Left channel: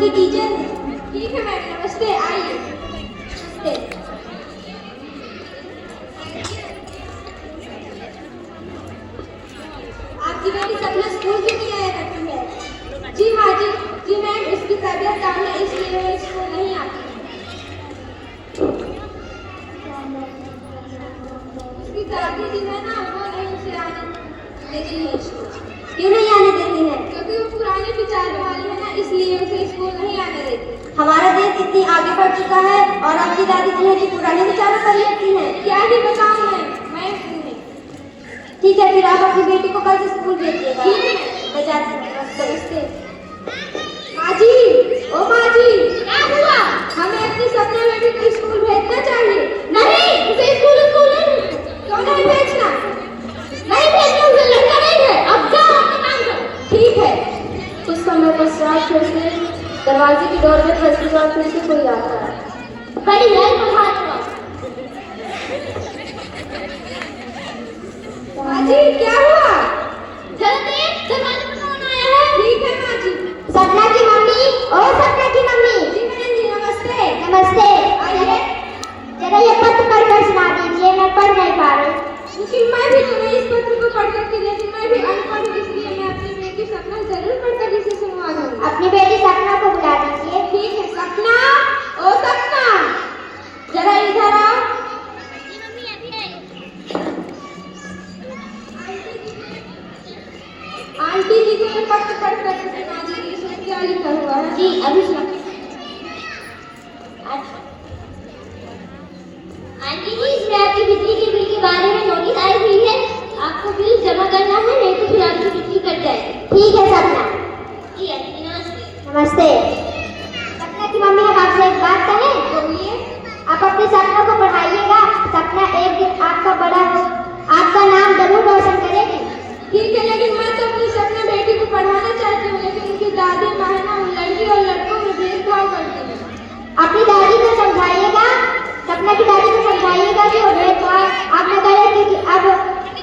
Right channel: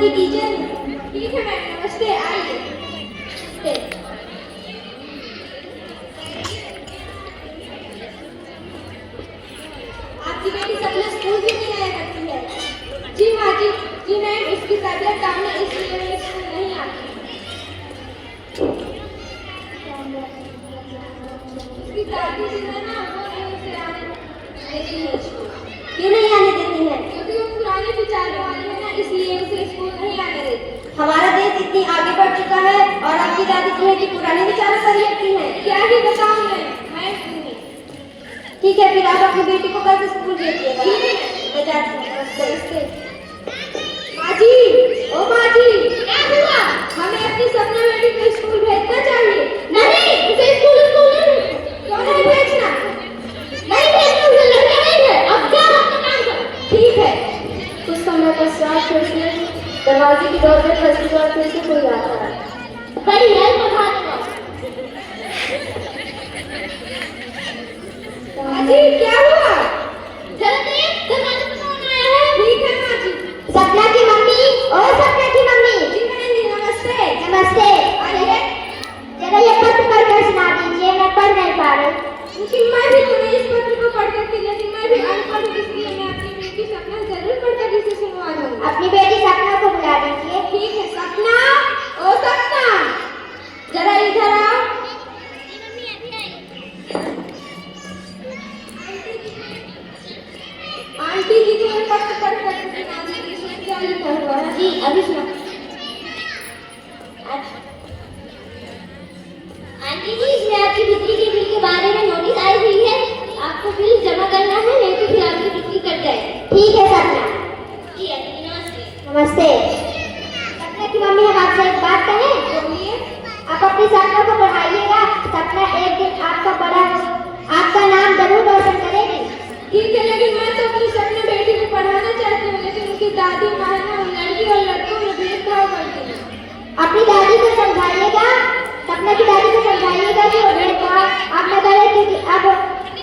की टीचर हूँ। ठीक है मैम, नमस्ते, आइए। नमस्ते। आपकी बेटी सपना स्कूल क्यों नहीं आया करती है? जी हाँ जी मैम, इसकी तबीयत काम है इसलिए वो स्कूल नहीं आती। इसकी दादी जी है ना, वो नहीं उसे आने देती है स्कूल। क्यों नहीं आने देती है? क्योंकि वो पुराने विचार वाली है ना, इसलिए उसे स्कूल नहीं आने देती। हमारा देश इतनी आगे बढ़ चुका है और आपकी दादी जी है कि पुराने विचारों पर रहती है। क्या ही बताऊं मैं ठीक है, फिर आप अपनी बेटी को कल से स्कूल भेजिएगा। ठीक है, मैं जाती हूँ। नमस्ते। माँ जी, ओ माँ जी, क्या हुआ? हमें अपनी सपना बेटी को स्कूल भेजना चाहिए। नहीं, उसे स्कूल नहीं भेजना। क्यों नहीं भेजना? नहीं भेजना, उसे लड़का नहीं है। अब जाओ अपना काम करो। ठीक है। कुछ समय पश्चात फिर से दरवाजे की डोर में खसखस और फिर से कोई आता है। बड़ी है महात्मा। माँ जी, क्या हुआ? जरा देख, दरवाजे पर कौन आया है? ठीक है माँ जी। सपना की मम्मी। ओ सपना की मम्मी। जी मैंने, नमस्ते। नमस्ते। आइए। जरा ये पत्र पढ़कर सुना दीजिए, मैं पढ़ नहीं पा रही। लेकिन मैं भी तुम्हें इस पत्र को पढ़ करके, लेकिन मैं भी अनपढ़ हूँ, इसलिए मैं अपनी बेटी सपना जरूर पढ़कर इसे सुनवा दूंगी। अपनी बेटी सपना को बुला दीजिए। ठीक है। सपना, ओ सपना, जरा इधर आओ। आंटी जी को ये पत्र पढ़ कर सुना दीजिए, इसमें क्या लिखा हुआ है? जी अभी सुना। आंटी जी, इसमें आपकी बिजली के बिल के बारे में नोटिस आई हुई है। आपको बिल जमा करना है, नहीं तो फिर आपकी बिजली कट जाएगी। ठीक है सपना। जी आंटी जी, नमस्ते। नमस्ते। सपना की मम्मी, हम आपसे एक बात कहें? बोलिए। आप अपनी सपना को पढ़ाइएगा, सपना एक दिन आपका नाम जरूर रोशन करेगी। ठीक है, लेकिन मैं तो अपनी सपना बेटी को पढ़ाना चाहती हूँ, लेकिन उनकी दादी माँ ना लड़की और लड़कों में भेदभाव करती है। अपनी दादी को समझाइएगा, सपना की दादी को समझाइएगा कि वो भेदभाव आप न करें, क्योंकि अब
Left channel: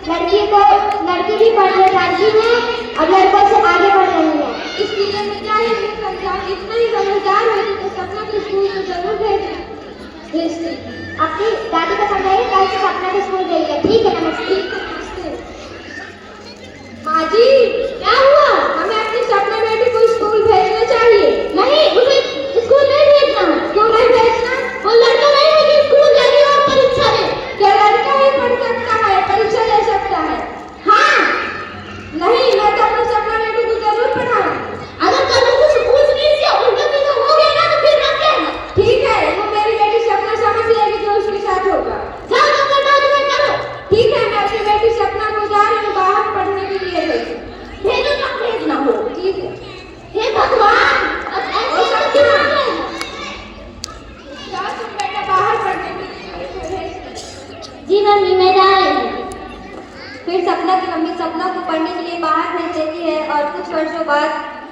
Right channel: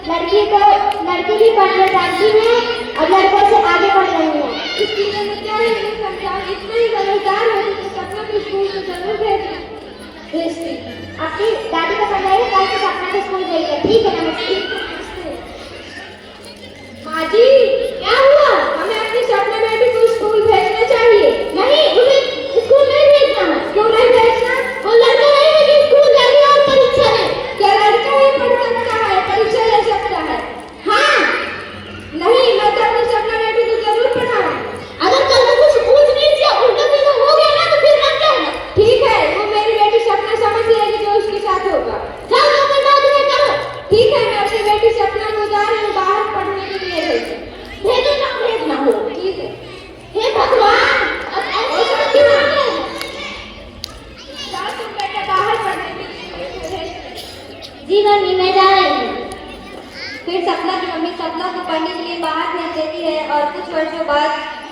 लड़की भी पढ़ने जाती है और लड़कों से आगे बढ़ रही है। इसलिए मैं क्या ही समझाऊँ, इतना ही समझदार होती तो सपना को स्कूल में जरूर भेजती। अपनी दादी को समझाइए, कल से सपना को स्कूल भेजिए। ठीक है, नमस्ते। माँ जी, क्या हुआ? हमें अपनी सपना बेटी को स्कूल भेजना चाहिए। नहीं, उसे स्कूल नहीं भेजना है। क्यों नहीं भेजना? वो लड़का नहीं है कि स्कूल जाने और परीक्षा दे। क्या लड़का ही पढ़ सकता है, परीक्षा ले सकता है? हाँ। नहीं, मैं तो अपनी सपना बेटी को जरूर पढ़ाऊंगी। अगर कल कुछ पूछ लीजिए, उल्टा सीधा हो गया ना तो फिर मत कहना। ठीक है, वो मेरी बेटी सपना समझ लेगी जो उसके साथ होगा। जाओ अपना काम करो। ठीक है, मैं अपनी बेटी सपना को जा रही हूँ बाहर पढ़ने के लिए। भेजो ना, भेजना हो। ठीक है। हे भगवान, अब ऐसा क्यों हो गया? जाओ तुम बेटा बाहर पढ़ने के लिए। जी मम्मी, मैं जा रही हूँ। फिर सपना की मम्मी सपना को पढ़ने के लिए बाहर भेज देती है और कुछ वर्षों बाद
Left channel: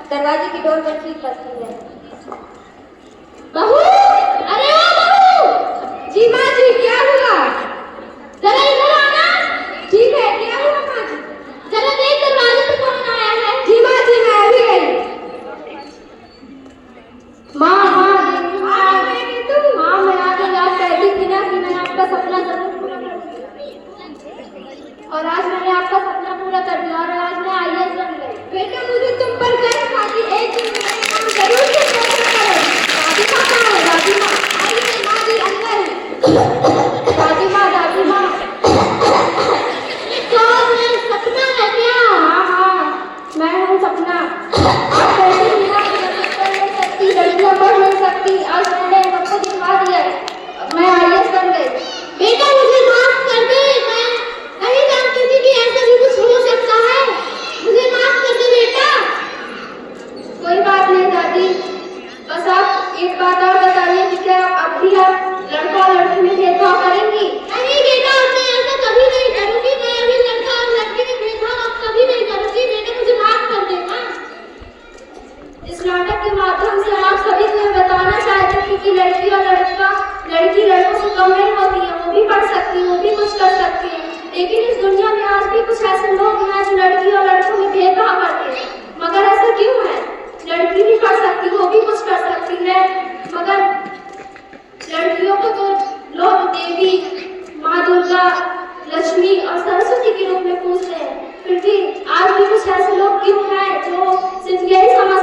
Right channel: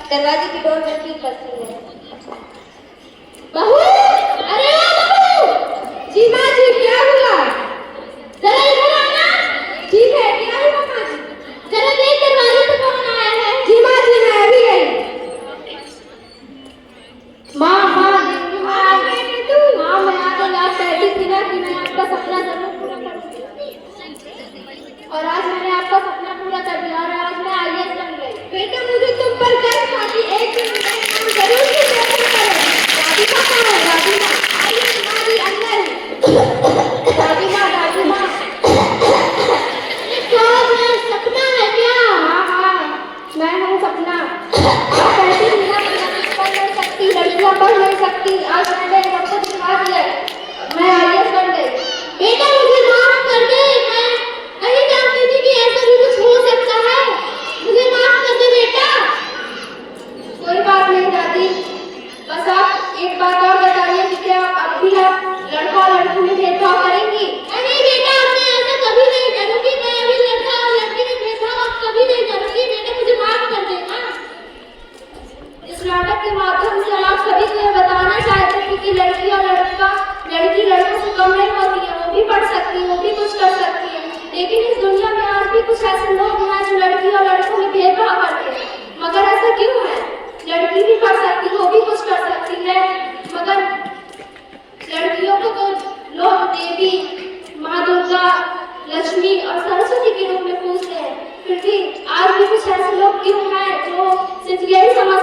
दरवाजे की डोर पर ठीक करती है। बहू, अरे बहू। जी माँ जी, क्या हुआ? जरा इधर आना। ठीक है, क्या हुआ माँ जी? जरा देख दरवाजे पे कौन आया है? जी माँ जी, मैं अभी गई। माँ मैं आ गई। आप कहती थी ना कि मैं आपका सपना जरूर पूरा कर दूंगी, और आज मैंने आपका सपना पूरा कर दिया और आज मैं IAS बन गई। बेटा, मुझे तुम पर गर्व था कि एक दिन मेरा नाम जरूर से रोशन करोगे। दादी माँ कहाँ है? दादी माँ आइए। माँ जी अंदर। दादी माँ सपना है क्या? हाँ, मैं हूँ सपना। आप कहती थी ना कि पढ़ नहीं सकती, लड़कियाँ पढ़ नहीं सकती, आज मैंने एक वक्त दिखा दिया, मैं IAS बन गई। बेटा, मुझे माफ कर दे, मैं नहीं जानती थी कि ऐसा भी कुछ हो सकता है। मुझे माफ कर दे बेटा। कोई बात नहीं दादी, बस आप एक बात और बताइए कि क्या अब भी आप लड़का लड़की में भेदभाव करेंगी? नहीं बेटा, मैं ऐसा कभी नहीं करूंगी। मैं अभी लड़का और लड़की में भेदभाव अब कभी नहीं करूंगी। बेटा, मुझे माफ कर देना। इस नाटक के माध्यम से आप सभी को बताना चाहते हैं कि लड़की लड़कों से कम नहीं होती है, वो भी पढ़ सकती है, वो भी कुछ कर सकती है। लेकिन इस दुनिया में आज भी कुछ देवी, माँ दुर्गा, लक्ष्मी और सरस्वती के रूप में पूजते हैं, फिर भी आज भी कुछ ऐसे लोग क्यों हैं जो सिर्फ यही समझ